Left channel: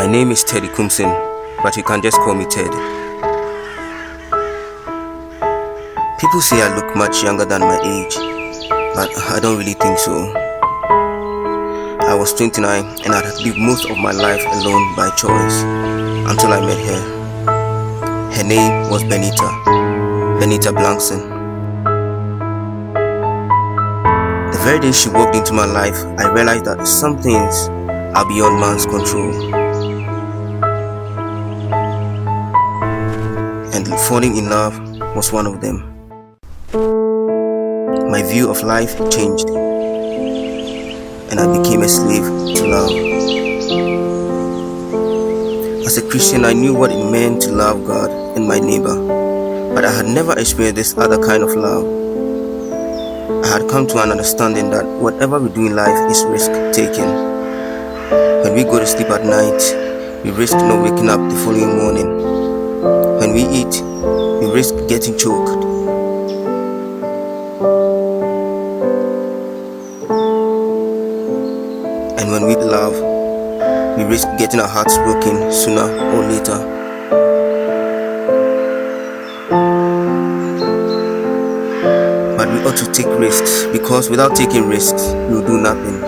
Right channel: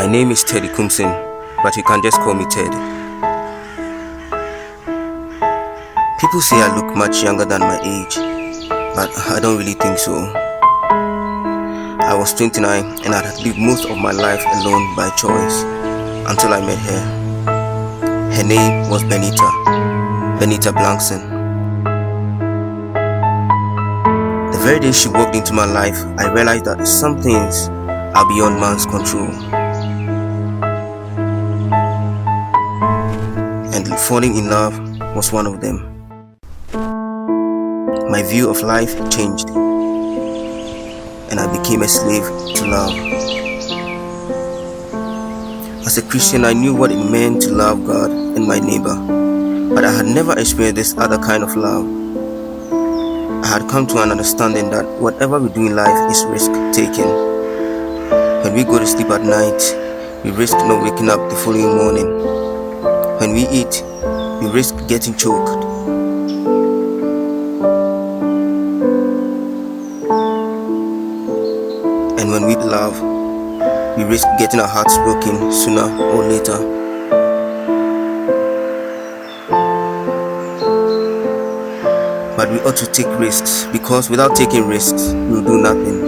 My name is Teddy Kumsin, but you can just call me Ted. People say I look much younger than my age, but I don't really think so. I was 29 and I had lived most of my life alone by choice until I met her. Her name was Benita Blankson. The very day she walked into my life, I realized that some things are beyond man's control. And falling in love was one of them. My view of life changed, and I became a slave to love. As a Christian, I knew what it meant to love God and my neighbor, but I had never experienced this other kind of love. I had come to an understanding that whatever we do in life is risk-taking. When we go to sleep at night, we risk not waking up the following morning. When we eat, we risk getting choked. And when we love, we risk getting our hearts broken sooner or later. But we ought to take risks, because without taking risks, we will do nothing.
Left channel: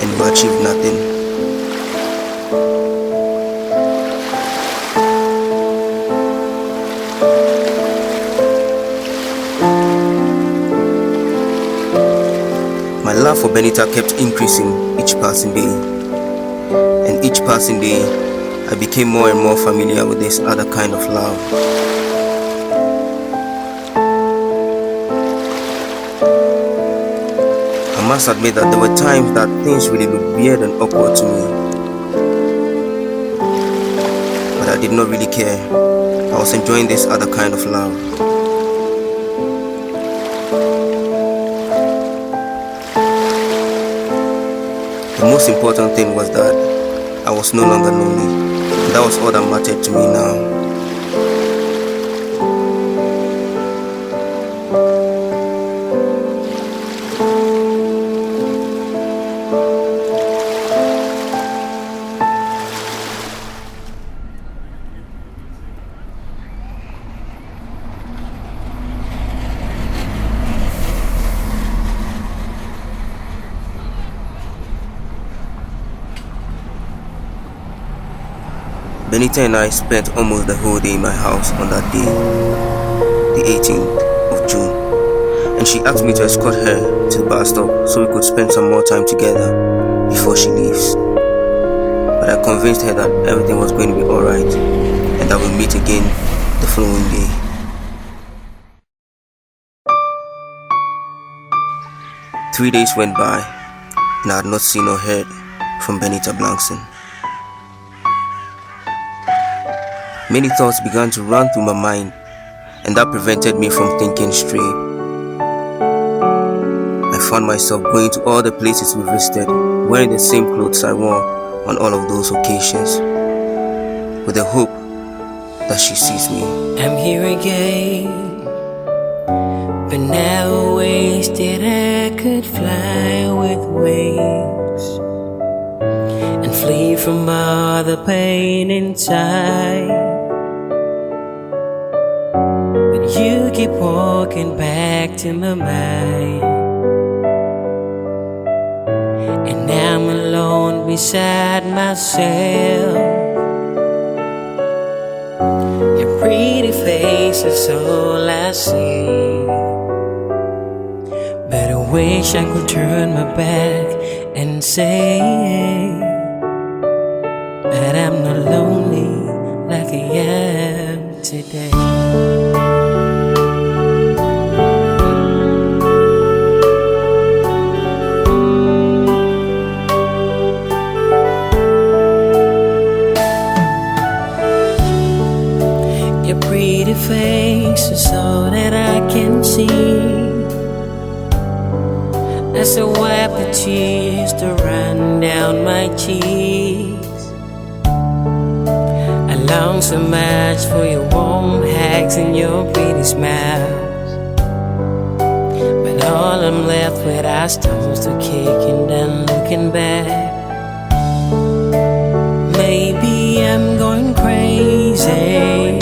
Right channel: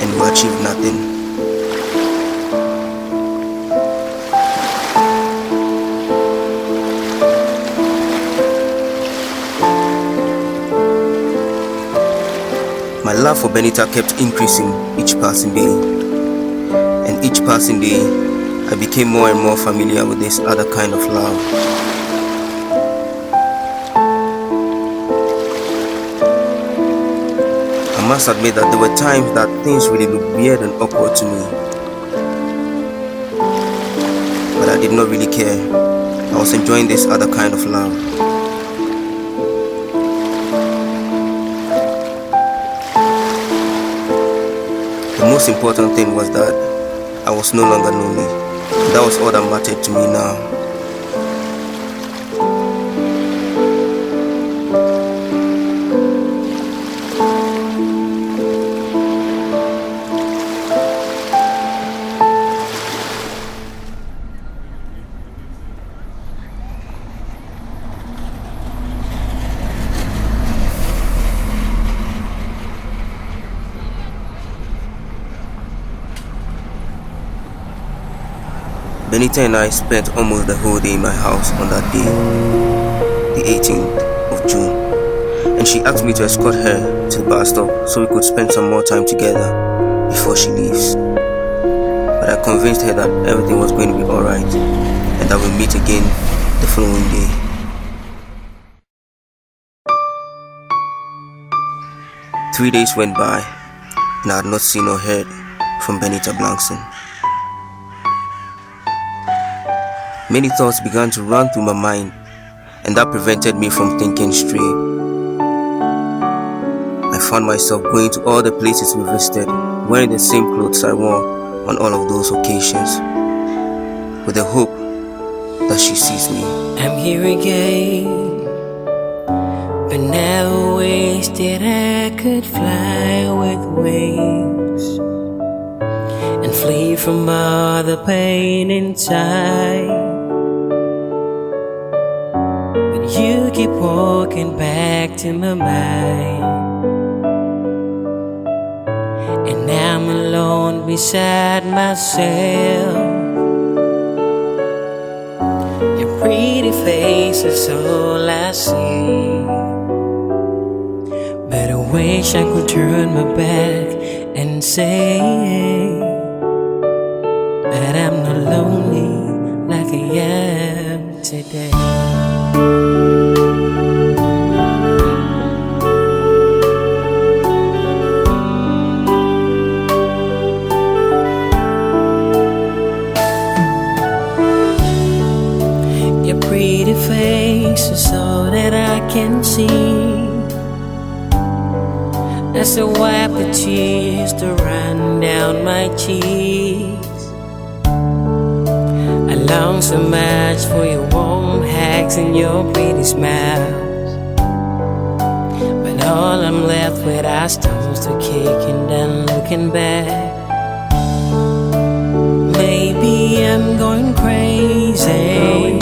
And we will achieve nothing. My love for Benita kept increasing each passing day, and each passing day I became more and more familiar with this other kind of love. I must admit that there were times that things really looked weird and awkward to me, but I did not really care. I was enjoying this other kind of love. The most important thing was that I was no longer lonely. That was all that mattered to me now. Benita and I spent almost the whole day in my house on that day, the 18th of June, and she asked me to escort her to the bus stop so we could spend some more time together before she leaves. But I convinced her that everything was going to be alright and that we'll meet again the following day. Three days went by and I had not seen or heard from Benita Blankson. Many thoughts began to run through my mind, and that prevented me from thinking straight. I found myself going to all the places we visited, wearing the same clothes I wore on all of those occasions, with the hope that she sees me. I'm here again, but never wished that I could fly with wings and flee from all the pain inside. You keep walking back to my mind, and I'm alone beside myself. Your pretty face is all I see, but I wish I could turn my back and say that I'm not lonely like I am today. Your pretty face is all that I can see as I wipe the tears to run down my cheeks. I long so much for your warm hugs and your pretty smiles, but all I'm left with are stones to kick and then looking back. am going crazy.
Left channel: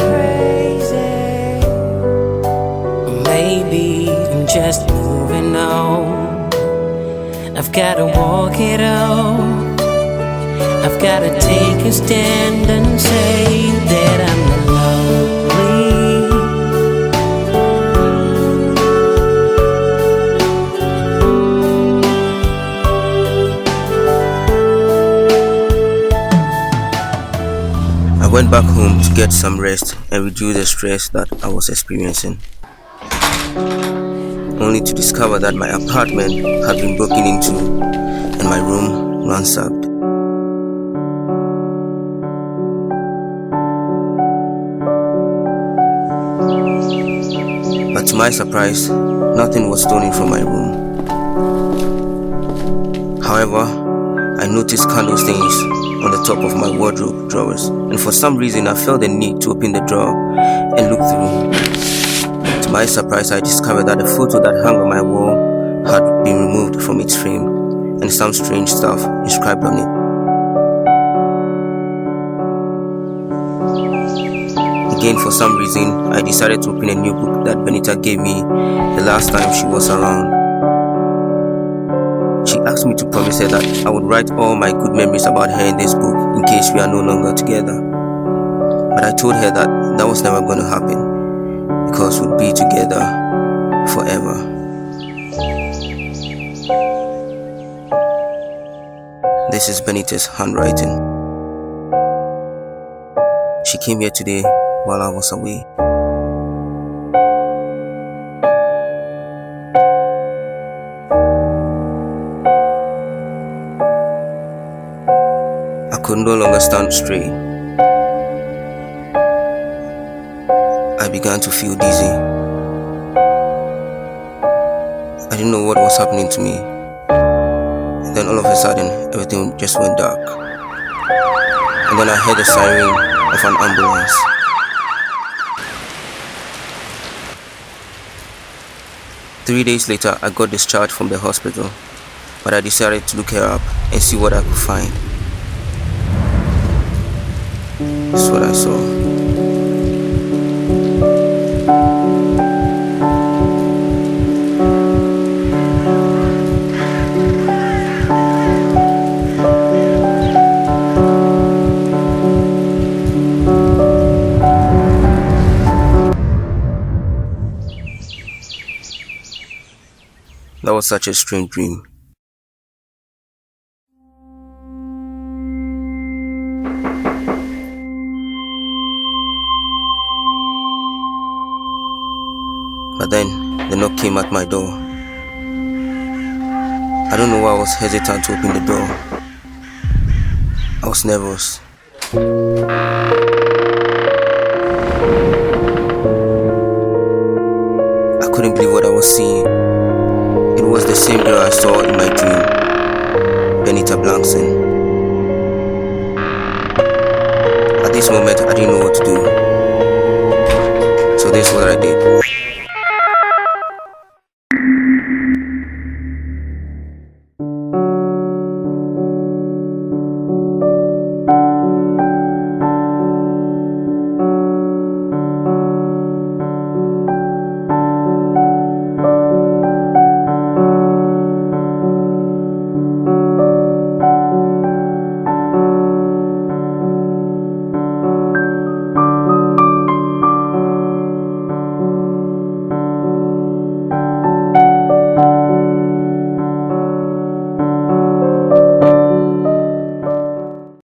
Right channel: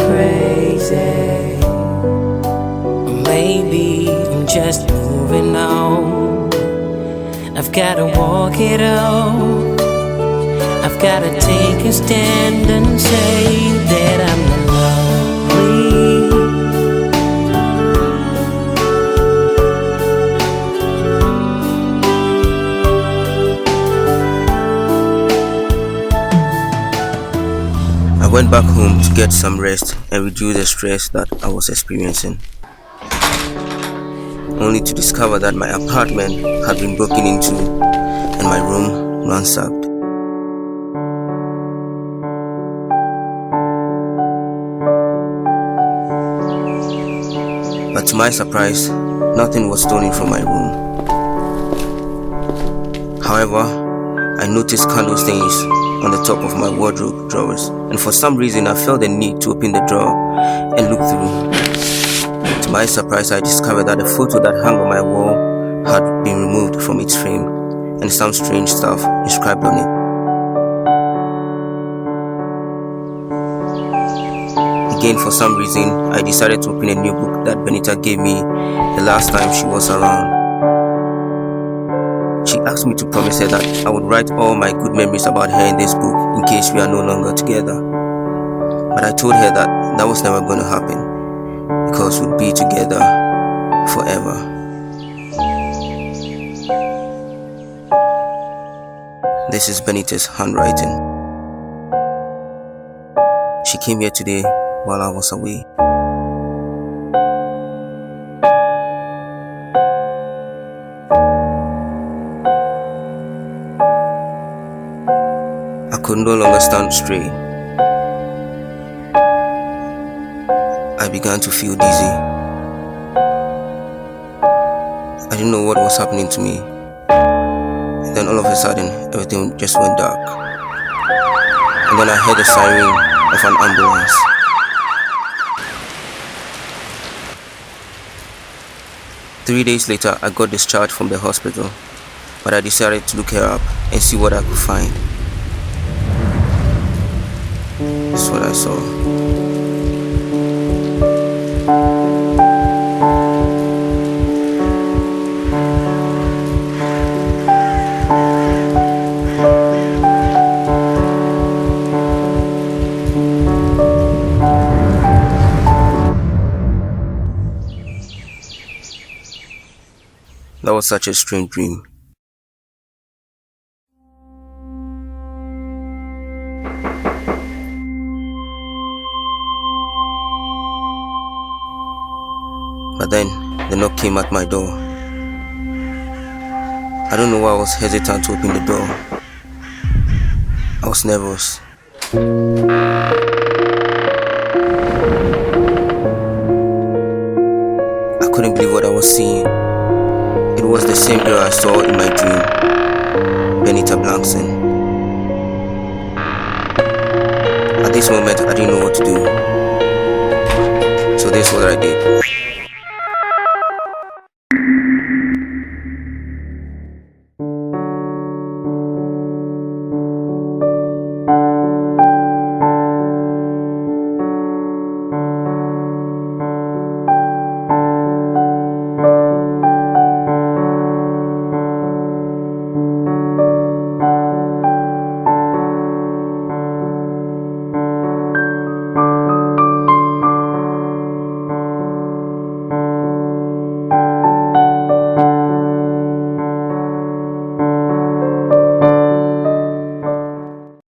Maybe I'm just moving on. I've gotta walk it out. I've gotta take a stand and say that I'm not lonely. I went back home to get some rest and reduce the stress that I was experiencing, only to discover that my apartment had been broken into and my room ransacked. But to my surprise, nothing was stolen from my room. However, I noticed candle stains on the top of my wardrobe drawers, and for some reason I felt the need to open the drawer and look through. To my surprise, I discovered that the photo that hung on my wall had been removed from its frame and some strange stuff inscribed on it. Again, for some reason, I decided to open a new book that Benita gave me the last time she was around. She asked me to promise her that I would write all my good memories about her in this book in case we are no longer together. But I told her that that was never going to happen because we'd be together forever. This is Benita's handwriting. She came here today while I was away. I could no longer stand straight. I began to feel dizzy. I didn't know what was happening to me. And then all of a sudden, everything just went dark. And then I heard the siren of an ambulance. Three days later, I got discharged from the hospital, but I decided to look her up and see what I could find. This is what I saw. That was such a strange dream. But then, the knock came at my door. I don't know why I was hesitant to open the door. I was nervous. I couldn't believe what I was seeing. It was the same girl I saw in my dream, Benita Blankson. At this moment, I didn't know what to do. So this is what I did.